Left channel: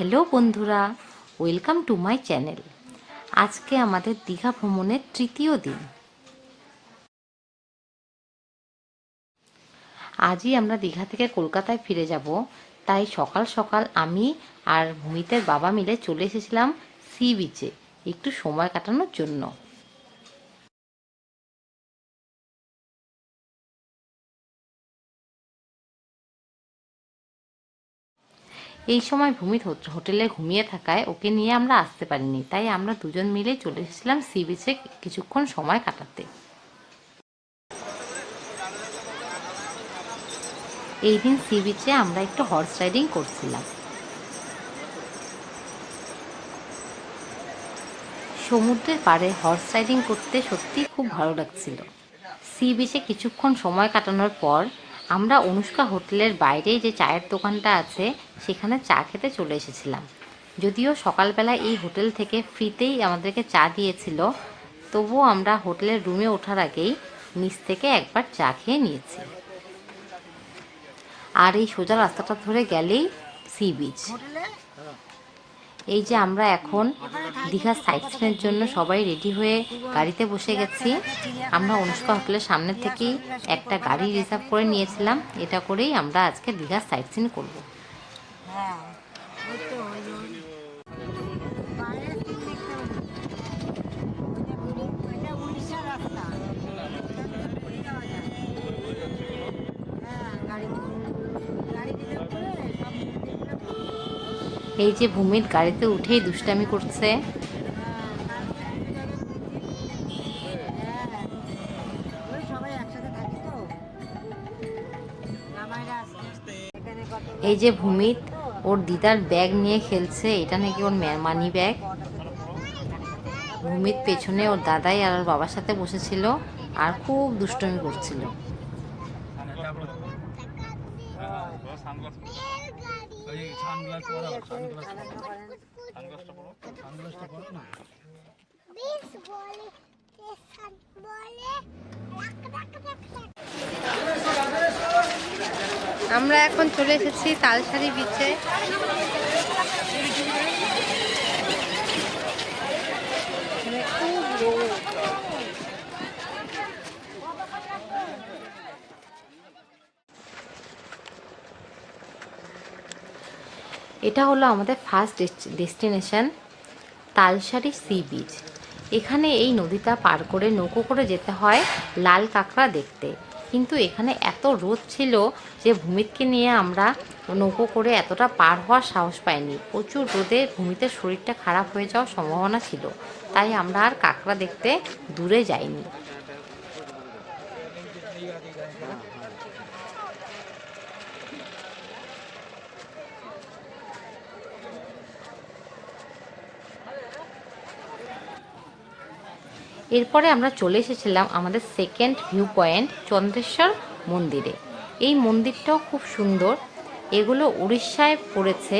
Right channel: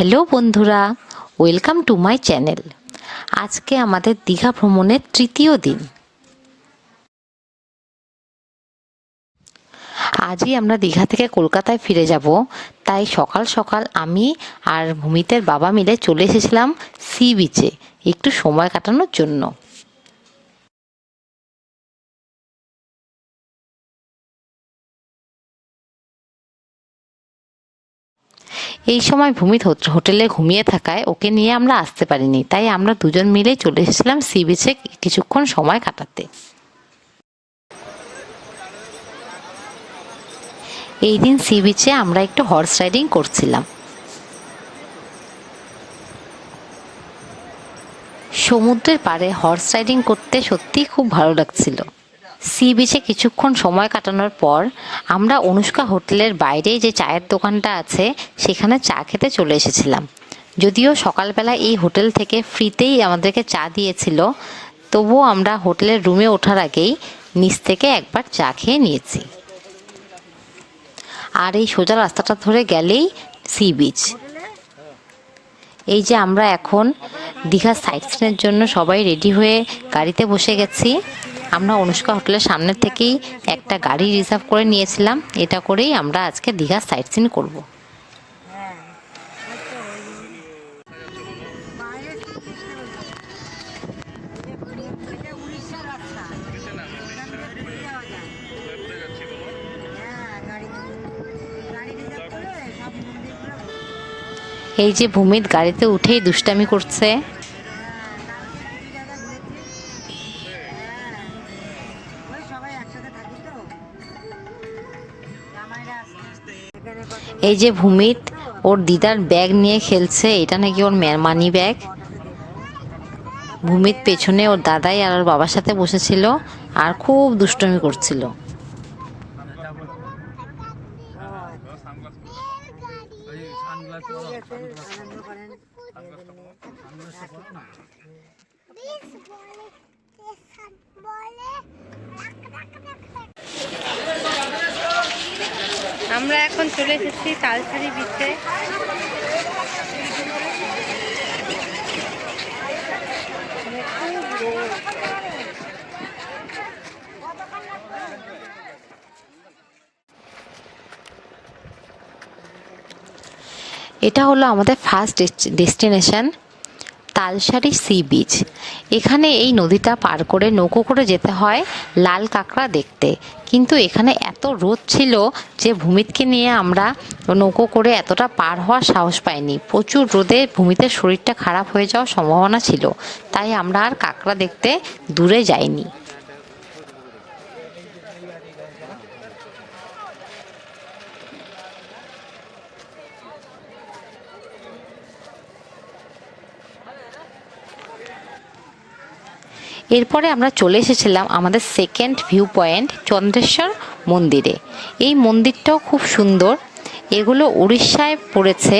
Hello বন্ধুরা, welcome to my channel. আজকে আমাদের দীঘা ভ্রমণের তৃতীয় দিন। আজই আমরা দীঘা থেকে কলকাতায় ফিরে যাব, তাই সকাল সকাল আমি আর ভূমিতের বাবা মিলে চলে এসেছিলাম সি বিচে একটু সময় কাটানোর জন্য। এই সময় ভূমিত হোটেলে ঘুমিয়ে থাকায় ওকে নিয়ে আমরা আসতে পারিনি, তাই আমরা দুজন মিলে চলে এসেছিলাম সি বিচে কিছুক্ষণ সময় কাটাতে। এই দিন সি বিচে আমরা একটু হর্স রাইডিং করছিলাম। সমুদ্রের পাড়ে হর্স রাইডিং করতে সত্যিই খুব ভালো লাগছিল। সি বিচে কিছুক্ষণ সময় কাটানোর পর আমরা অনুষ্কা হোটেলের বাইরে যে চায়ের দোকানটা আছে সেখানে চা খেতে চলে এসেছিলাম। যদিও সকালবেলা এই হোটেল থেকে ফ্রিতেই আমাদেরকে চা দিয়েছিল, তবুও আমরা হোটেলের রুমে ওঠার আগেই নিচ থেকে একবার চা খেয়ে নিয়েছি। আর এই সোজা রাস্তাটা ধরে গেলেই সি বিচ। এই যে আমরা এখন দীঘা সাইট সিনের জন্য সবাই রেডি হয়ে গাড়িতে বসে গেছি। আমরা অনুষ্কা হোটেলের সামনে থেকেই একটা গাড়ি রিজার্ভ করে নিয়েছিলাম, এটা করেই আমরা আজকে দীঘা সাইট সিন করবো। এই যে ভূমিত গাড়িতে উঠেই দুষ্টামি করছে। এই যে ভূমিত ওর দিদার ব্যাগ নিয়ে খেলছে, এটা নাকি ওর মানি ব্যাগ। ভূমিত পেছনে ওর দাদাই আর ওর বাবার সাথে বসেছিল আর খুব দুষ্টমি করছিল। আমরা এখন চলে এসেছি তালসারি বিচে। এটা হলো আমাদের first destination Talsari sea beach. এখানে এই নদীটা পার করে নৌকো করে যেতে হয় লাল কাঁকড়া দেখতে, কিন্তু এখানে এত রোদ ছিল যে ভূমিতকে নিয়ে আমরা নৌকো করে এতটা পার হওয়ার সাহস পাইনি। প্রচুর রোদে ভূমিতের শরীরটা খারাপ হয়ে যাওয়ার সম্ভাবনা ছিল, তাই আমরা আর কাঁকড়া দেখতে দূরে যাইনি। এরপরে আমরা চলে এসেছিলাম আমাদের সেকেন্ড ভিউ পয়েন্ট চন্দ্রেশ্বর মন্দিরে। এই মন্দিরটাও খুব সুন্দর, এগুলো উড়িষ্যায় পড়েছে,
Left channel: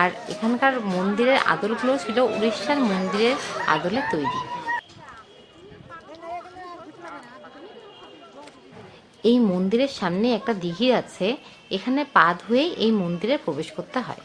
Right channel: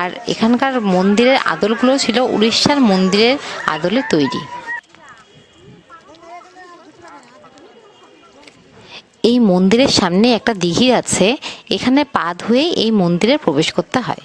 আর এখানকার মন্দিরের আদলগুলো ছিল উড়িষ্যার মন্দিরের আদলে তৈরি। এই মন্দিরের সামনে একটা দিঘি আছে, এখানে পা ধুয়ে এই মন্দিরে প্রবেশ করতে হয়।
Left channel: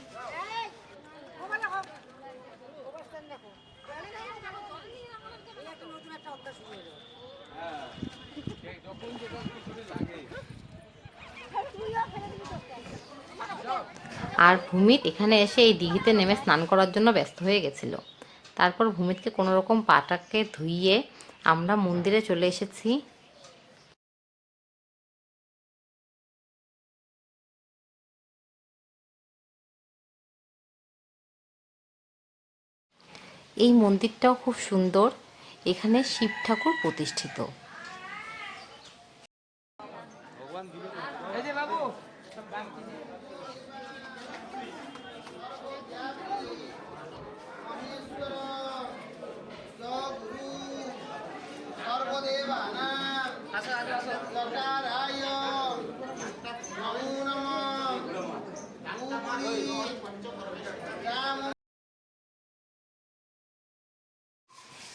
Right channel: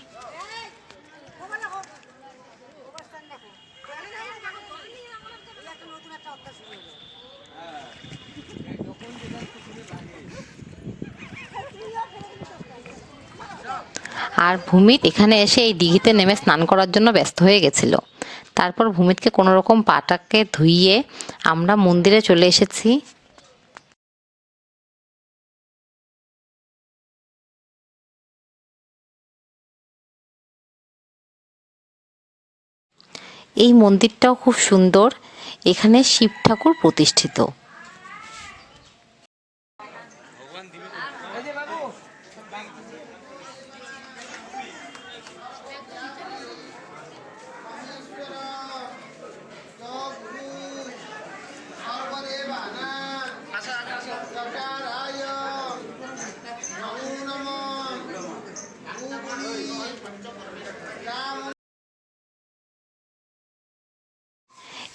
আর ভূমিত এখানে এসে এই দিঘিতে নেমে স্নান করার জন্য ব্যস্ত হয়ে গেছিল। তারপর ভূমিতকে কোনো রকম পাটাকে ধুইয়ে আমরা মন্দিরে চলে এসেছি। এই মন্দিরটাও খুব সুন্দর, এখানে শিব ঠাকুর প্রতিষ্ঠিত।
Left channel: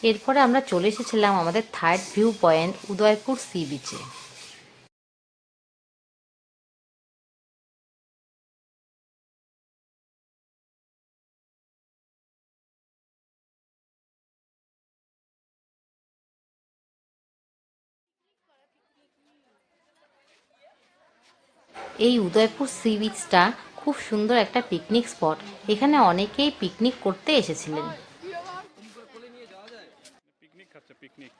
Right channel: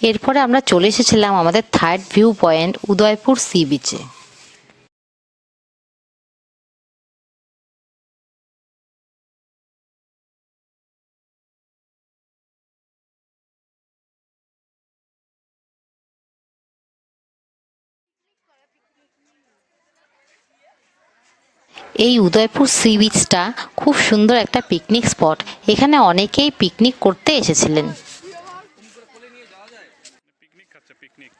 এরপরে আমরা চলে এসেছিলাম আমাদের third view point Udaypur sea beach. এই উদয়পুর সি বিচটা খুব সুন্দর একটা পিকনিক স্পট। এখানে অনেকেই পিকনিক করতে এসেছিলেন। পিকনিক খাচ্ছে, পিকনিক,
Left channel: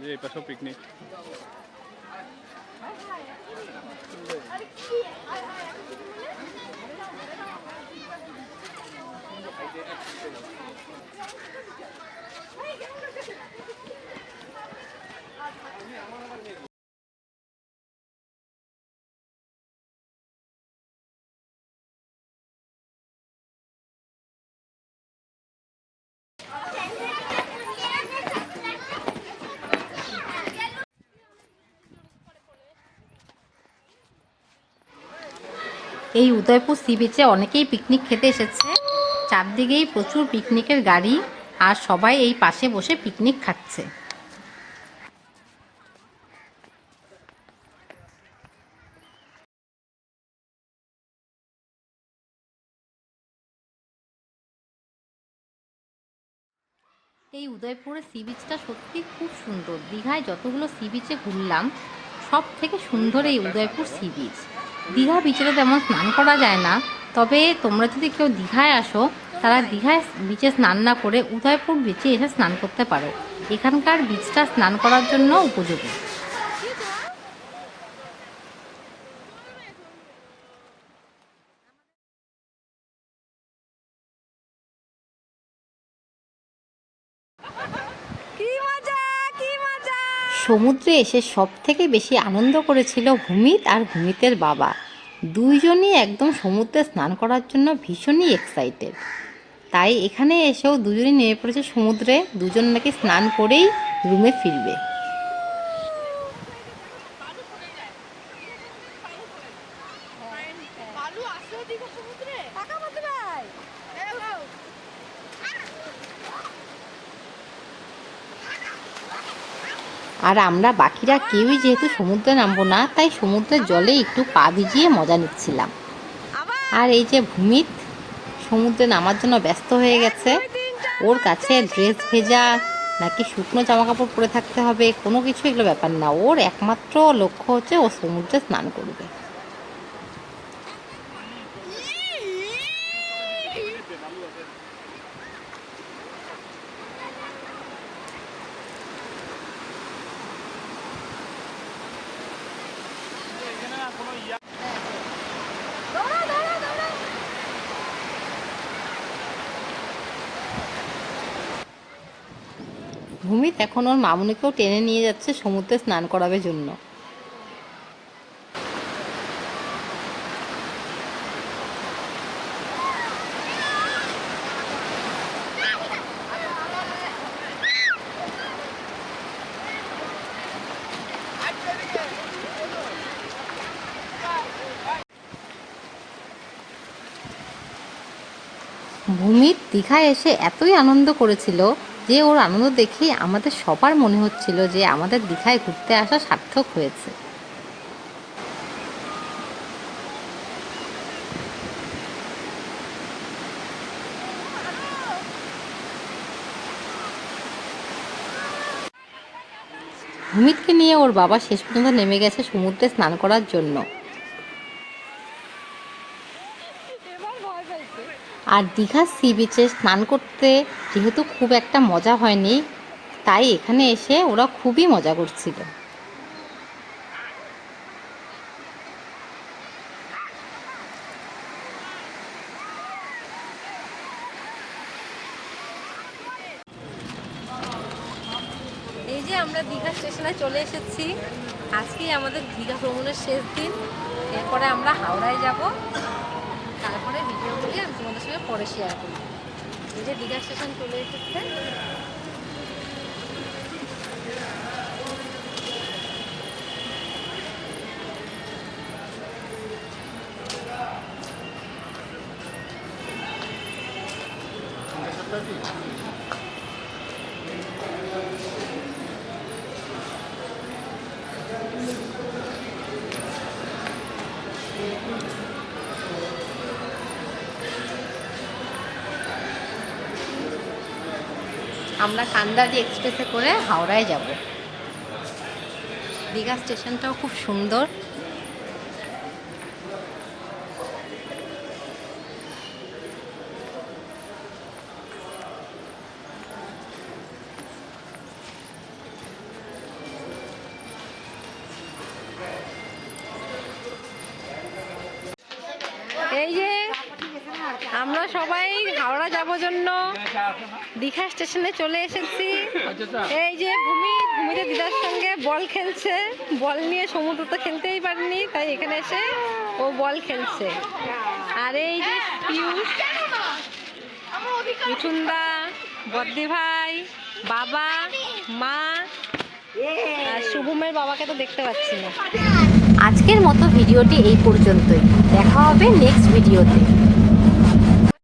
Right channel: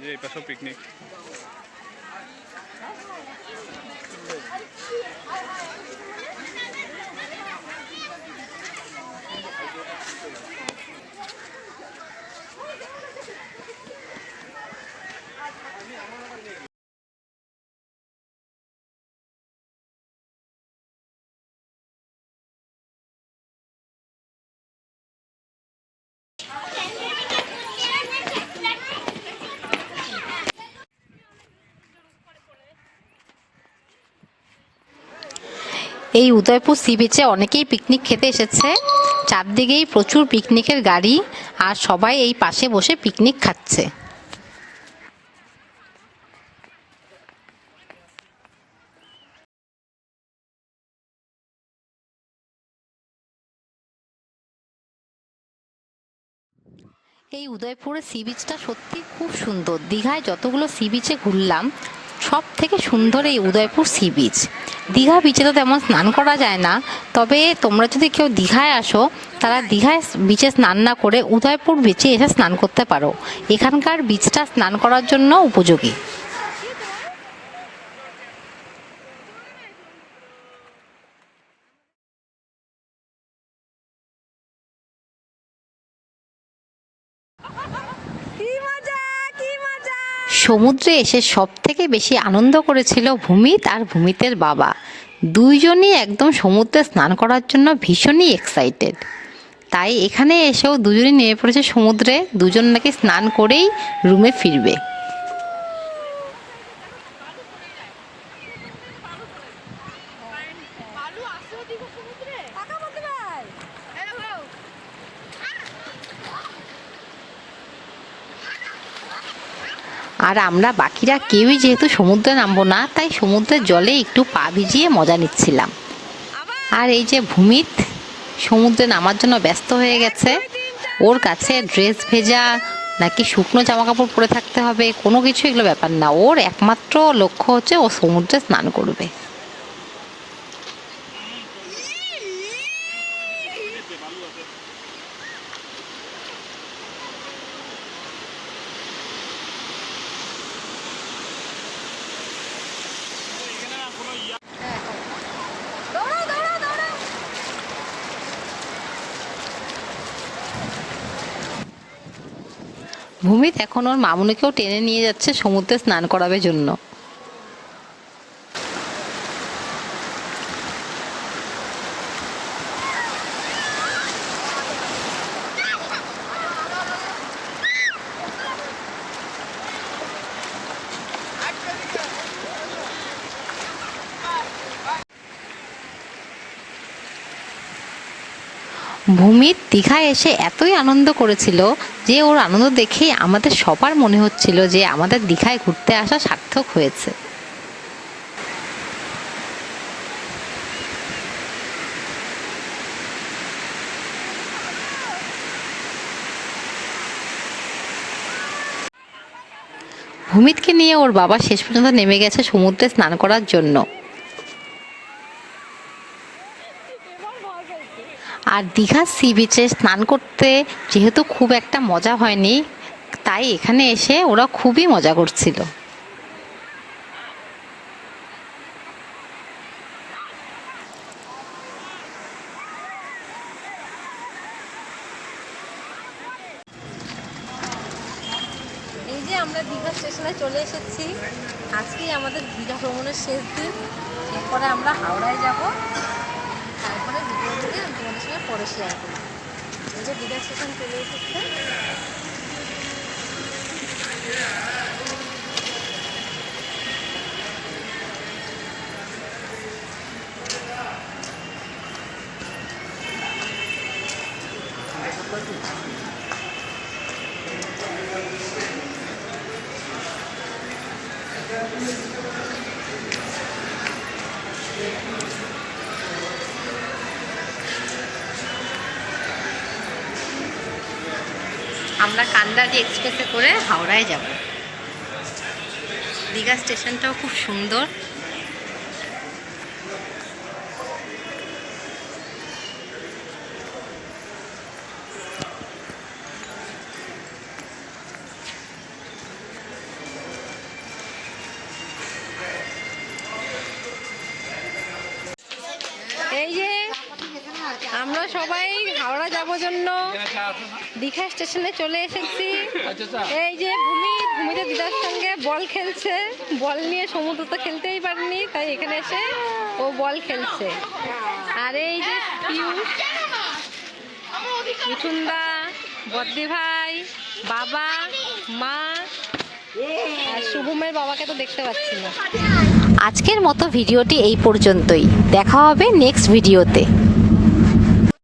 যে এই পাশেও পিকনিক। এই উদয়পুর সি বিচে অনেকেই পিকনিক খেতে এসেছে। চারদিকেই প্রচুর পিকনিকের গাড়ি, আর সবাই এই পাশে বসে পিকনিক খাচ্ছে। এই উদয়পুরের সি বিচটা সত্যি খুব সুন্দর। দীঘায় যতগুলো সি বিচে ঘুরলাম, সব থেকে সুন্দর এই উদয়পুর সি বিচ। দীঘা বিচে তো তেমন স্নান করা যায় না, তবে তোমরা যদি কেউ দীঘায় আসো, তারা দীঘায় বিচে স্নান না করে উদয়পুর বিচে এসে স্নান করতে পারো। এখানকার বিচটা স্নান করার জন্য উপযোগী। সমুদ্রে এসে সব থেকে বেশি আনন্দ করেছিল ভূমিত আর ভূমিতের বাবা। দুইজনই একদম সমুদ্রে স্নান করার জন্য ভীষণই এক্সাইটেড। তাই এখানে এসেও দুজনই নেমে পড়েছে সমুদ্রে। দুজন নাকি স্নান করেই রুমে ফিরবে। আর আমরা বাকিরা কেউই যেহেতু সমুদ্রে নামবো না, তাই সমুদ্রের জলে একটু পা ভিজিয়ে মজা নিচ্ছিলাম। আর এই যে ভূমিত সমুদ্রে নামার জন্য ব্যস্ত হয়ে গেছে। ওর কাছে ড্রেস ভেজা নাকি শুকনো জামা কাপড় পরে থাকতে হবে, কোনো কিছু এগুলো ব্যাপার না। ওর একমাত্র লক্ষ্য হচ্ছে ও সমুদ্রে স্নান করবে। ভূমিত এখন ওর মামুনিকেও টেনে নিয়ে যাচ্ছে সমুদ্রে স্নান করাবে জন্য। ভূমির দীঘায় এসে এতই আনন্দ করেছিল যে ওর আনন্দ দেখেই আমাদের সবার মনে হচ্ছিল যে আমাদের দীঘায় ঘুরতে আসা সার্থক হয়েছে। ভূমিতকে নিয়ে ওর বাবা শেষ পর্যন্ত নেমে গেছে সমুদ্রে স্নান করার জন্য। আর দীঘার সি বিচে স্নান করতে যেহেতু খুব একটা মজা হয়নি, তাই এখানে এসে ওরা খুবই মজা করছিল। এই যে আমরা দীঘা স্টেশনে চলে এসেছি। আজকেই আমাদের দীঘা ভ্রমণের শেষ দিন। এরপরে আমরা হাওড়ায় যাব, তারপরে ভিডিওগুলি আমি তোমাদের সঙ্গে পরে শেয়ার করি। এই যে দীঘা স্টেশন চলে এসেছে। আমরা কান্দারি এক্সপ্রেসে করে হাওড়ায় যাব। দীঘা স্টেশনটাও খুব সুন্দর। এই যে আমরা সবাই হাওড়া যাবো জন্য দীঘা স্টেশনে চলে এসেছি। এই যে ভূমিতে দিদার সঙ্গে বল খেলছে, বল নিয়ে সমুদ্র তো খেলতেই পারেনি, তাই এখানে এসে ও বল খেলছে। আর এই যে পিয়ুষ, মিঠুনদা, বদ্দি ভাই, বাবা, মা আর শুভমের বাবাকে তো দেখতে পাচ্ছি না। আজকের মতো ভিডিওটি এই পর্যন্তই। দেখা হবে নেক্সট ভিডিওতে।